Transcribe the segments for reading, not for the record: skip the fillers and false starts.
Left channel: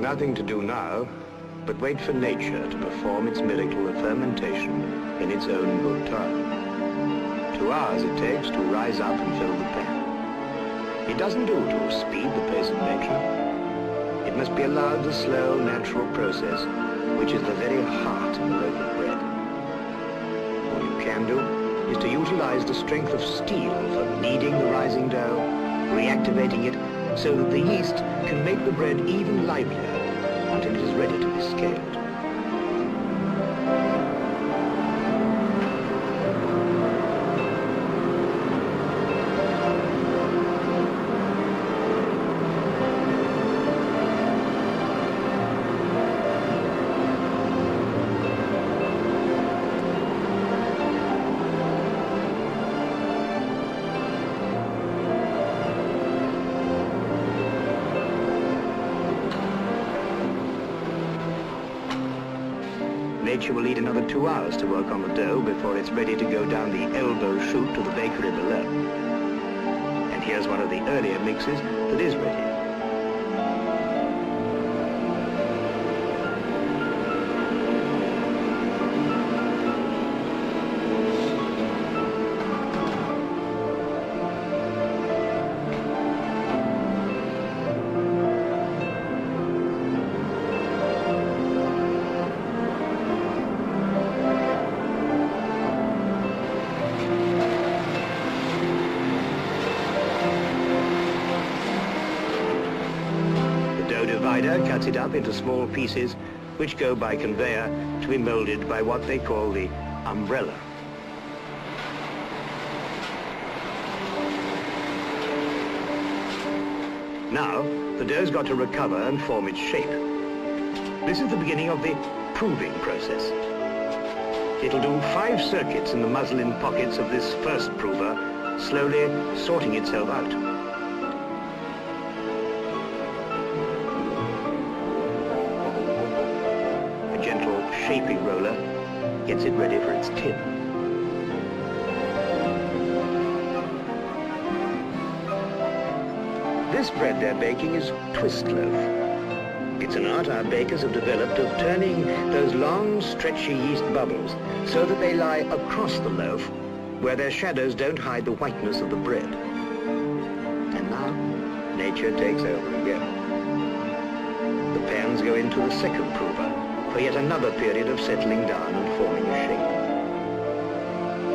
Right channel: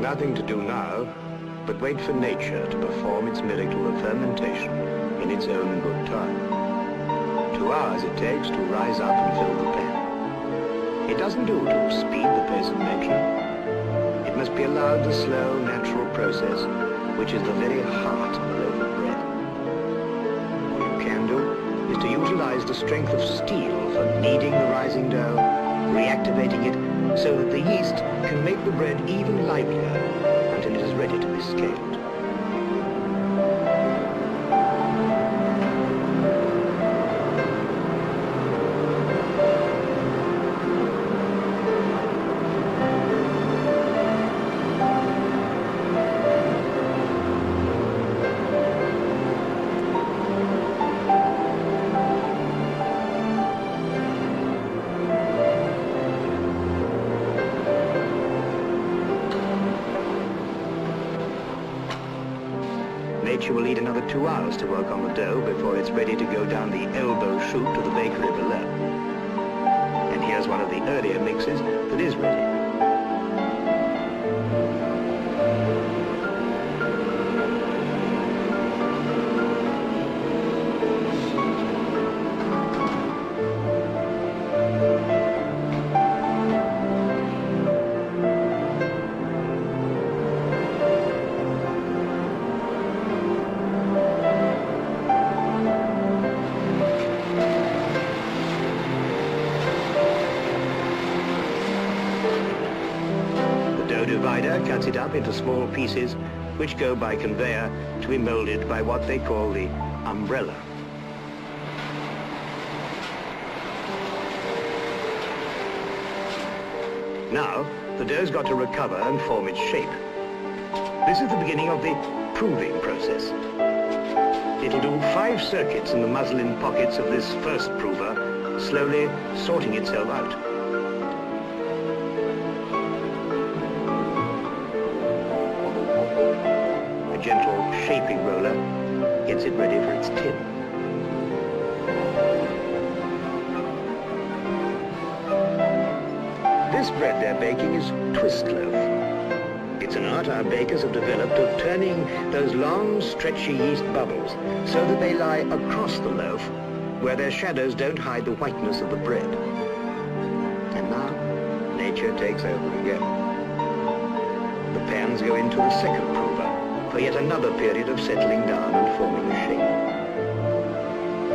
nothing to do now but wait for nature to perform its miracle of fermentation in its own good time. 2 hours it takes to rise up and fill the pan. It doesn't do to speed the pace of nature. It must be allowed the slow, natural process, which is the very heart of a loaf of bread. All you can do is to utilize the strength of steel for kneading the rising dough, reactivating it so that the yeast can make the bread even livelier until it is ready to be scaled. Nature will need another 2 hours to work on the dough before it's ready to go down the elbow chute to the bakery below. And here's one of the earlier mixes that is ready. Divider cuts it up into small pieces which go by conveyor to be molded by what they call the umbrella. Now, the dough's got to recover and form its shape. This is the beginning of the proving process. It'll do 5 circuits in the muslin pockets of this first prover, slowly sorting itself out. Gentle shaping roller gets it ready for its tin. This bread they're baking is twist loaf. It's an art our bakers have developed of turning those long, stretchy yeast bubbles so that they lie across the loaf where their shadows don't hide the whiteness of the bread. And now, nature takes over again. The pans go into the second prover for yet another period of settling down and forming a shape.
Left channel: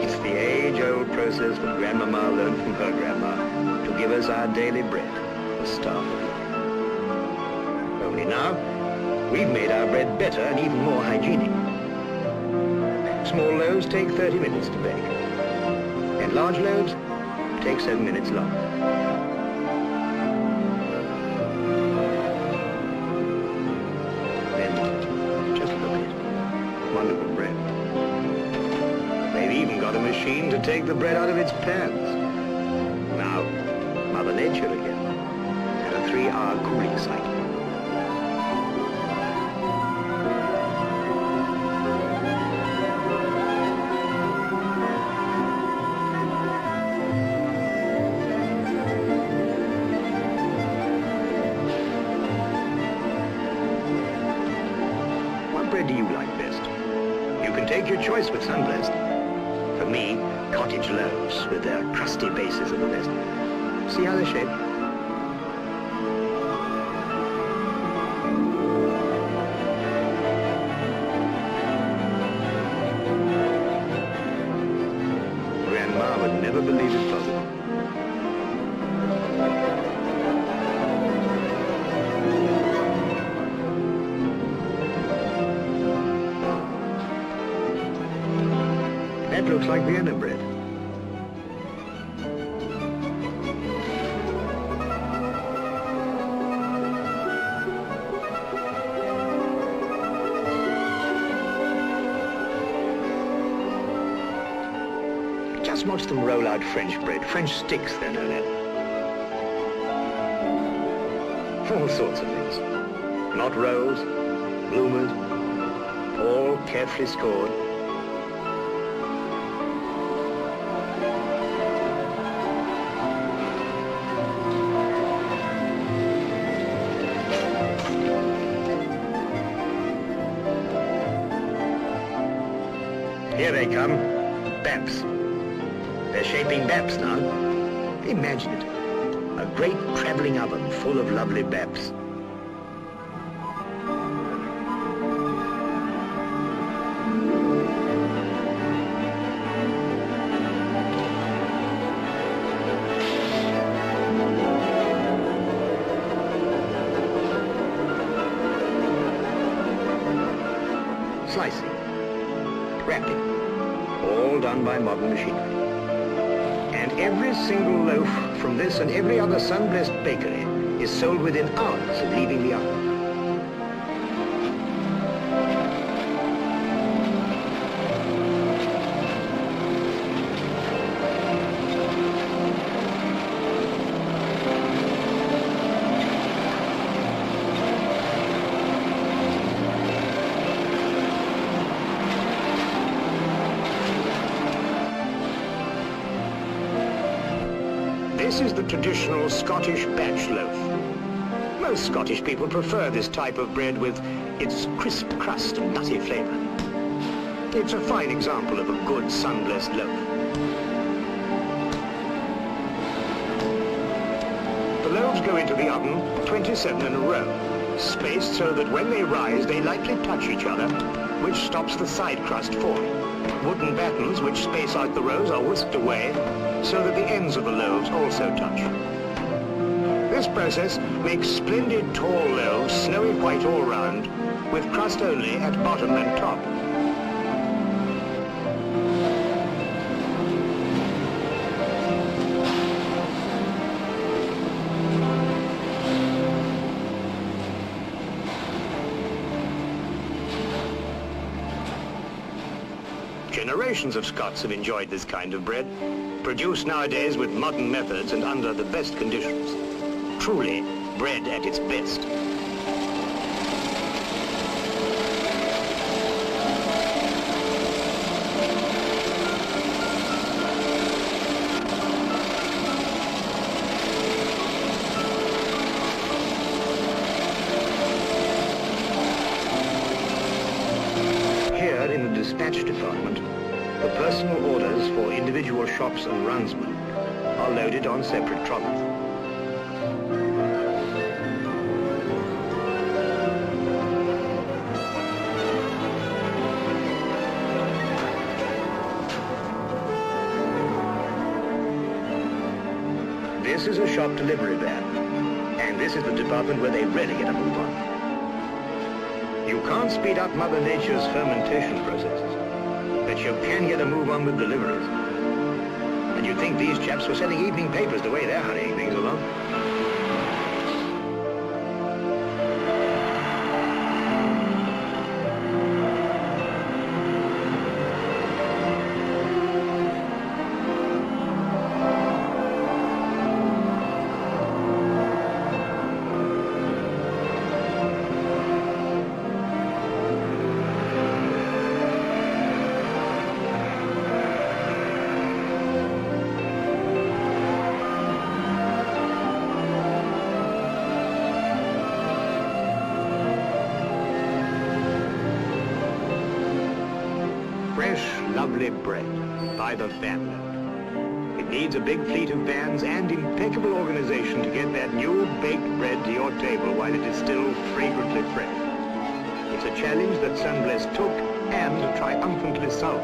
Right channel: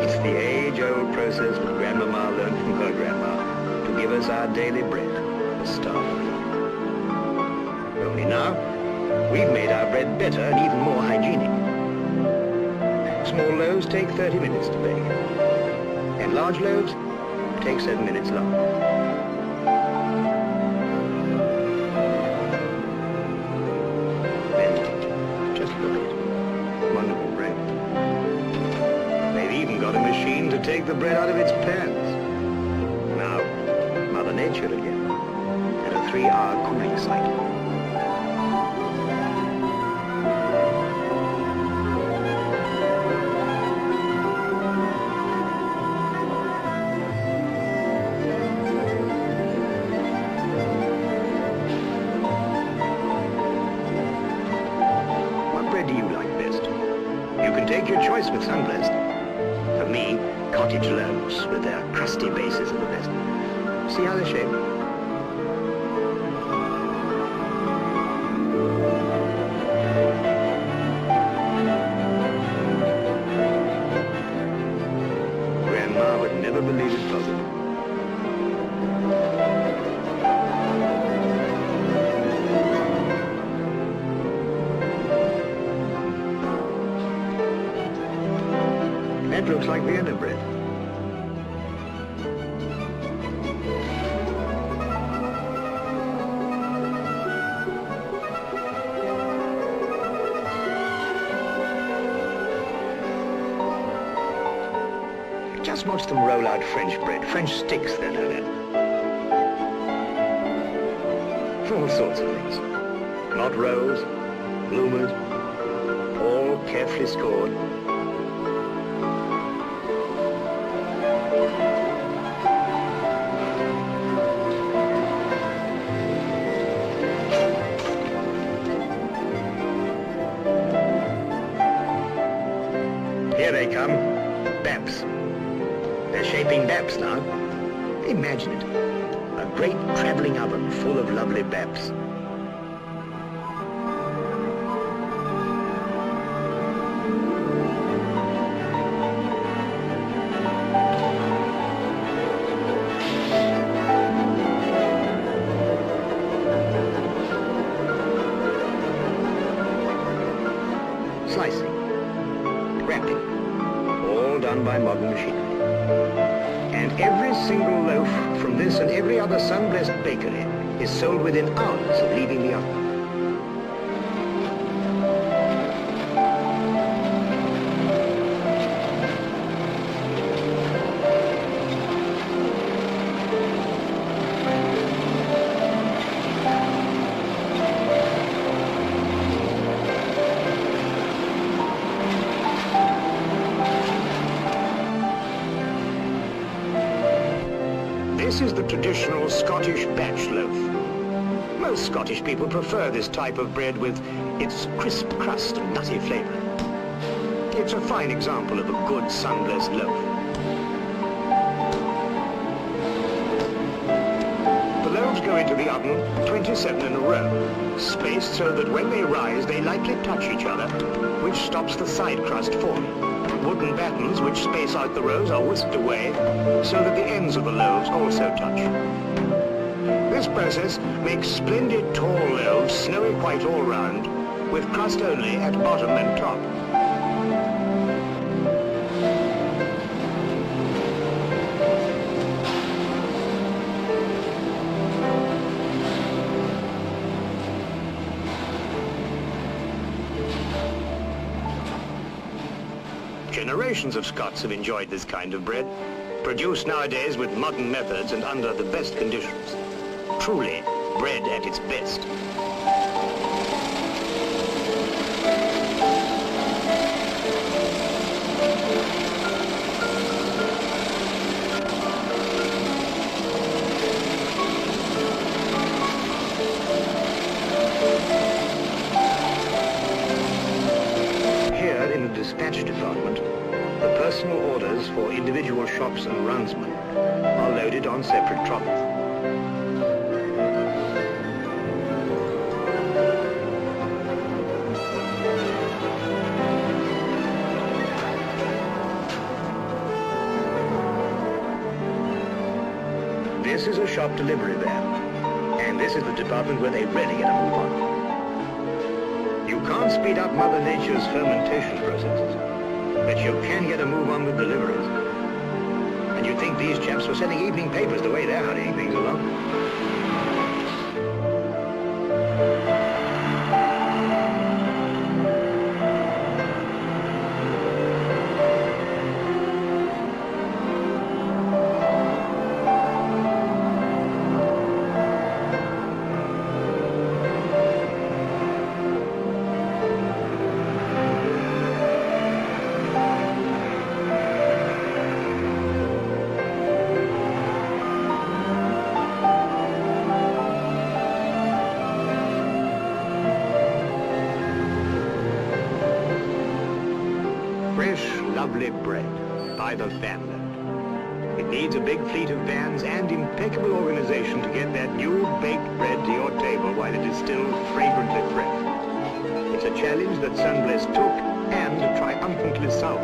It's the age-old process that Grandmama learned from her grandma to give us our daily bread, the staff of life. Only now, we've made our bread better and even more hygienic. Small loaves take 30 minutes to bake, and large loaves take 7 minutes longer. Wonderful bread. They've even got a machine to take the bread out of its pans. Now, Mother Nature again, and a 3-hour cooling cycle. What bread do you like best? You can take your choice with Sunblest. For me, cottage loaves with their crusty bases are the best. See how they're shaped? Grandma would never believe it possible. That looks like Vienna bread. Just watch them roll out French bread. French sticks, they're known as. All sorts of things. Knot rolls, bloomers, all carefully scored. Here they come. Baps. They're shaping baps now. Imagine it. A great travelling oven full of lovely baps. Slicing, wrapping, all done by modern machinery. And every single loaf from this and every other sun-blessed bakery is sold within hours of leaving the oven. This is the traditional Scottish batch loaf. Most Scottish people prefer this type of bread with its crisp crust and nutty flavour. It's a fine example of a good sun-blessed loaf. The loaves go into the oven 27 in a row, spaced so that when they rise they lightly touch each other, which stops the side crust forming. Wooden battens which space out the rows are whisked away so that the ends of the loaves also touch. This process makes splendid tall loaves, snowy white all round, with crust only at bottom and top. Generations of Scots have enjoyed this kind of bread, produced nowadays with modern methods and under the best conditions. Truly, bread at its best. Here in the dispatch department, the personal orders for individual shops and runsmen are loaded on separate trolleys. This is a shop delivery van, and this is the department where they really get a move on. You can't speed up Mother Nature's fermentation processes, but you can get a move on with deliveries. And you'd think these chaps were selling evening papers the way they're hurrying things along. Fresh, lovely bread by the vanload. It needs a big fleet of vans and impeccable organization to get that new baked bread to your table while it is still fragrantly fresh. It's a challenge that Sunblest took and triumphantly solved.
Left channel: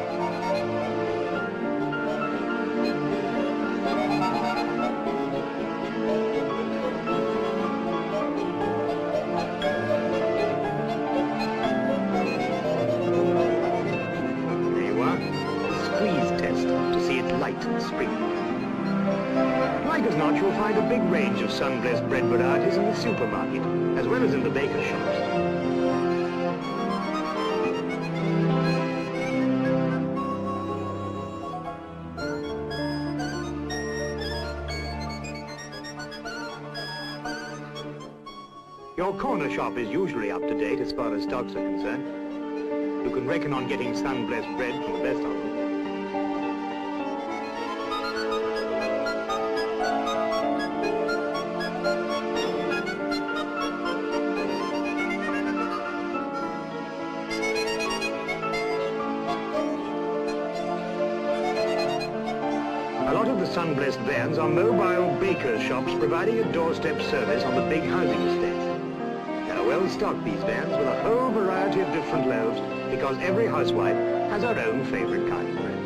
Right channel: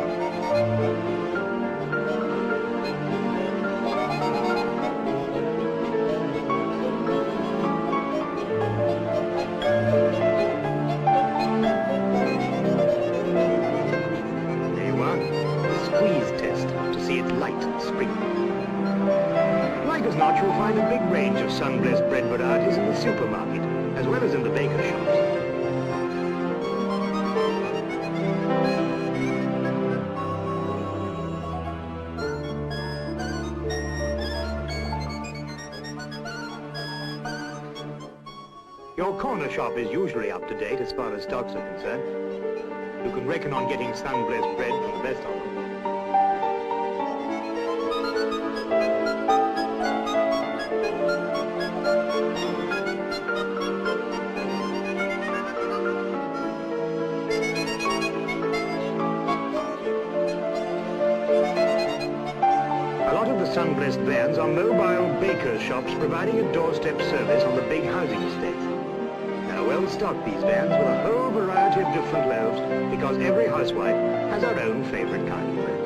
Squeeze test to see it's light and springy. Like as not, you'll find a big range of sun-blessed bread varieties in the supermarket, as well as in the baker shops. Your corner shop is usually up to date as far as stocks are concerned. You can reckon on getting sun-blessed bread from the best of them. A lot of the sun-blessed vans are mobile baker shops providing a doorstep service on the big housing estates. They're well stocked, these vans, with a whole variety of different loaves because every housewife has her own favorite kind of bread.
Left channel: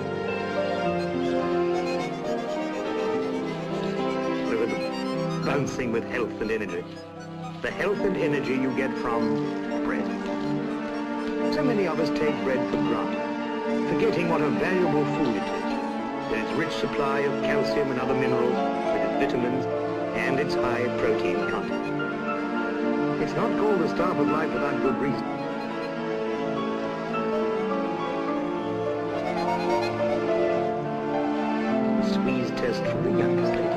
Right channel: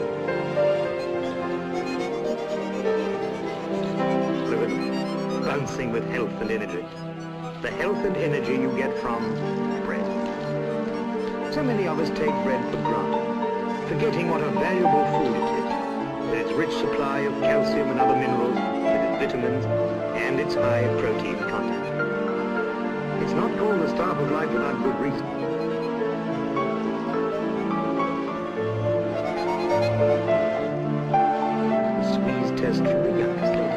Look at them, bouncing with health and energy. The health and energy you get from bread. So many of us take bread for granted, forgetting what a valuable food it is, with its rich supply of calcium and other minerals, with its vitamins, and its high protein content. It's not called the staff of life without good reason. A squeeze test from the youngest lady.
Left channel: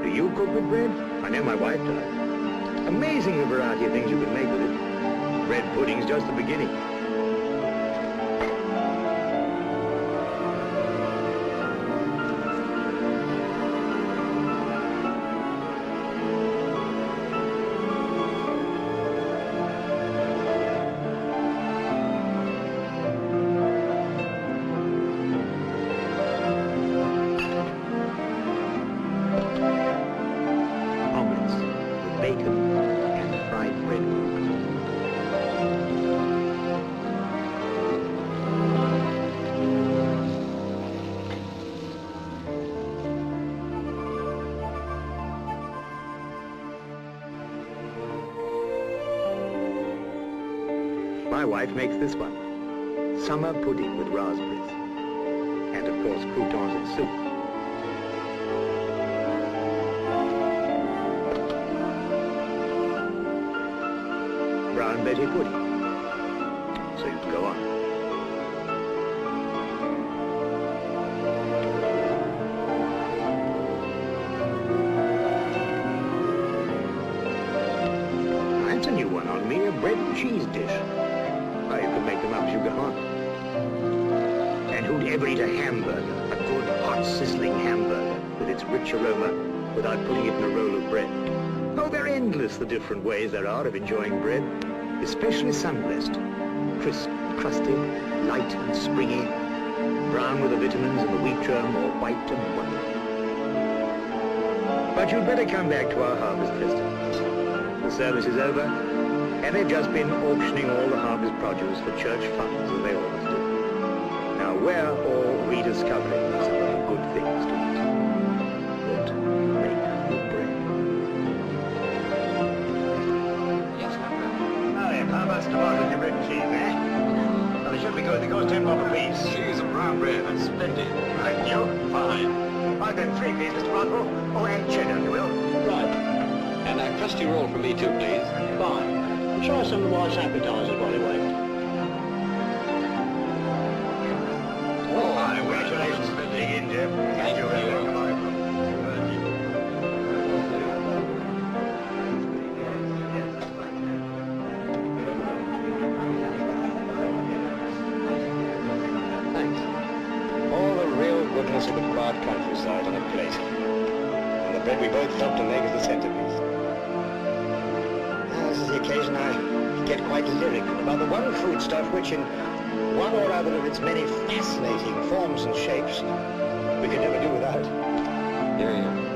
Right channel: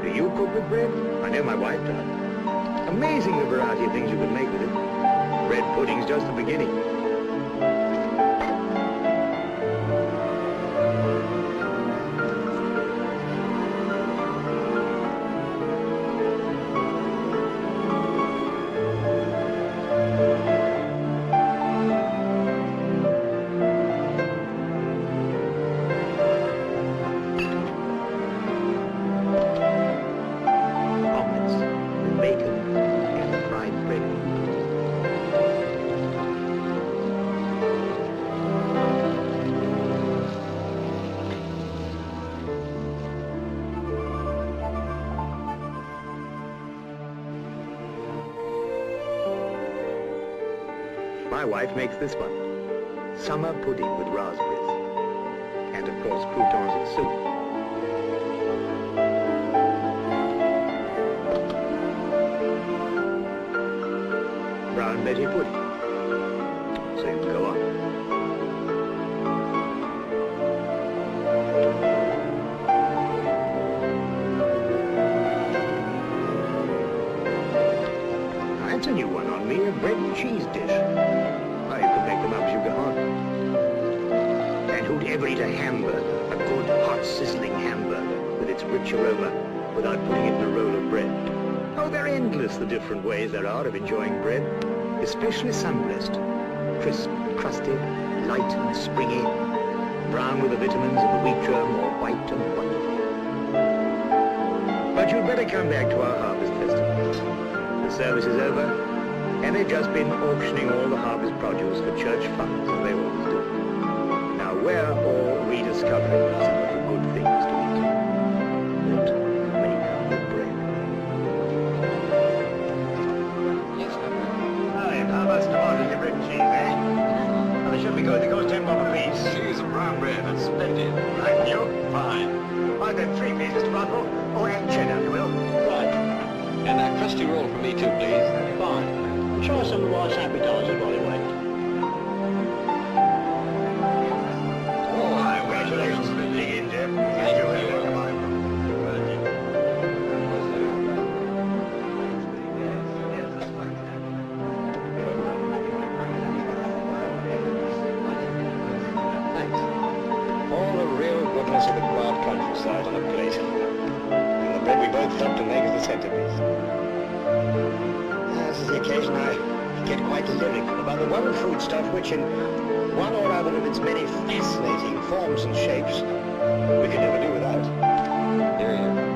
Do you cook with bread? I know my wife does. Amazing the variety of things you can make with it. Bread pudding's just the beginning. Bacon and fried bread. My wife makes this one. Summer pudding with raspberries. And of course croutons and soup. Brown Betty pudding. So you can go on. Now, that's a new one on me, a bread and cheese dish. Oh, you can make them up as you go on. And who'd ever eat a hamburger, a good, hot, sizzling hamburger, with its rich aroma, without putting it in a roll of bread? Oh, they're endless, the different ways there are of enjoying bread. Especially sun-blessed, crisp and crusty, light and springy, brown with the vitamins and the wheat germ, or white and wonderful. But you'd better come back to our harvest festival. The service is over, and they've just been auctioning all the harvest produce for church funds, as they always do. Now we're all rediscovering some of the good things to eat that make good bread. How about tomatoes in your bread and cheese, eh? Well, they should be good. They cost 10 bob a piece. Cheese and brown bread. That's splendid. Right, and you? Fine. Right then, 3 please, Mr. Rodwell. Oh, and cheddar, if you will. Right. And that crusty roll for me too, please. Fine. And try some of the wife's appetizers while you wait. Oh, hi, congratulations. Dig in, Jeff. Thank you. Come on. All the real goodness of the quiet countryside on a plate. And the bread we both helped to make is the centerpiece. This is the occasion I get quite lyrical about the one foodstuff which in one or other of its many fascinating forms and shapes we could never do without. Here, here.